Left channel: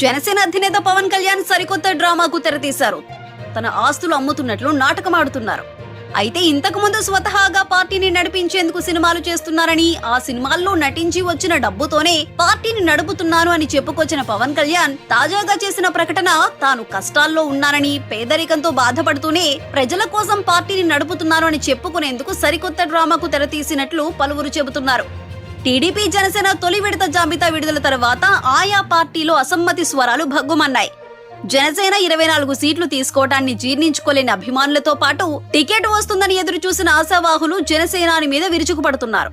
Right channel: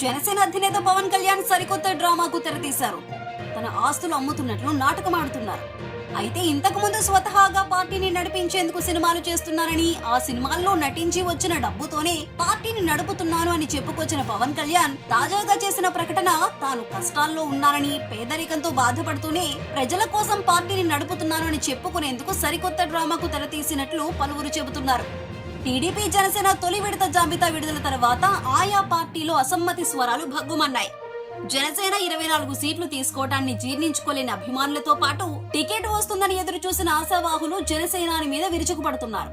జనసేన అధినేత పవన్ కళ్యాణ్ సరికొత్త డ్రామాకు తెరతీశారు. తన ఆస్తులు అమ్ముతున్నట్లు నాటకమాడుతున్నారు. అయితే ఇంతకు ముందు స్వతహాగా పార్టీని నడిపించేందుకు సినిమాలు చేస్తున్నారని, ఆ సినిమాల్లో నటించి వచ్చిన డబ్బుతోనే పార్టీని నడుపుతున్నాను అని చెప్పుకొచ్చిన పవన్ కళ్యాణ్ తాజాగా చేసిన ప్రకటన తాను కష్టాల్లో ఉన్నానని, పేదరికంతో బాధపడుతూనే ప్రజల కోసం పార్టీని నడుపుతున్నాను అని చెప్పుకునేందుకు సరికొత్త డ్రామాకు తెరతీసినట్లు పలువురు చెబుతున్నారు. టీడీపీ జనసేన తొలి విడత జాబితా విడుదల తర్వాత ఆయా పార్టీలో అసమ్మతి స్వరాలు భగ్గుమన్నాయి. జనసేన 24 సీట్లు తీసుకోవటాన్ని జీర్ణించుకోలేని అభిమానులతో పాటు టికెట్ వస్తుందని ఎదురు చూసిన ఆశావాహులు జనసేనాని మీద విరుచుకుపడుతున్నారు.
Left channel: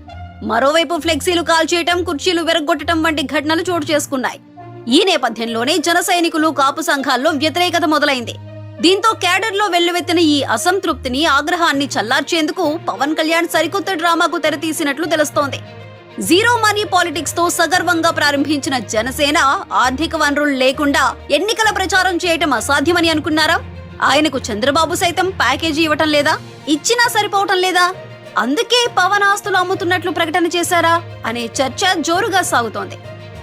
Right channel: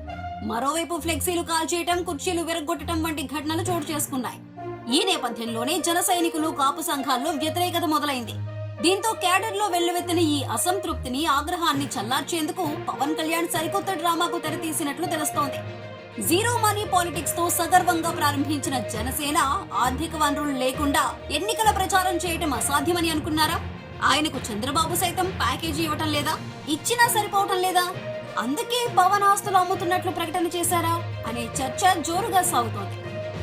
మరోవైపు ఫ్లెక్సీలు కాల్చేయటం, కుర్చీలు విరగ్గొట్టడం వంటి ఘటనలు చోటు చేసుకున్నాయి. ఈ నేపథ్యంలోనే జన సైనికులు, కాపు సంఘాల్లో వ్యతిరేకత మొదలైంది. దీంతో క్యాడర్లో వెల్లువెత్తిన ఈ అసంతృప్తిని, ఆగ్రహాన్ని చల్లార్చేందుకు పవన్ కళ్యాణ్ సరికొత్త డ్రామాకు తెరతీసినట్లు తెలుస్తోంది. జీరో మనీ పాలిటిక్స్ తో సగర్వంగా ప్రారంభించిన జనసేన ఆర్థిక వనరులు లేకుండా ఎన్నికల ప్రచారం చేయటం అసాధ్యమని అనుకున్నారా? ఆయనకు చంద్రబాబు సైతం ప్యాకేజీ ఇవ్వటం లేదా? ఇచ్చినా సరిపోవటం లేదా? అందుకే పవన్ ఆస్తులు అమ్ముతున్నట్లు ప్రకటన చేశారా అనే చర్చ జోరుగా సాగుతోంది.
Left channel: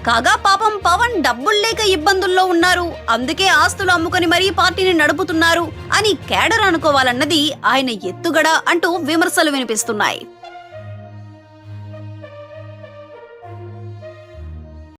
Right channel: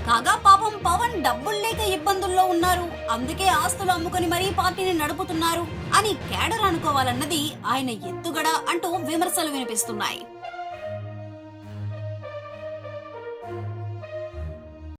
కాగా పాపం పవన్ డబ్బులు లేక ఇబ్బందుల్లో ఉన్నారు, అందుకే ఆస్తులు అమ్ముకొని మరీ పార్టీని నడుపుతున్నారు అని కేడర్ అనుకోవాలన్నది ఆయన ఎత్తుగడ అంటూ విమర్శలు వినిపిస్తున్నాయి.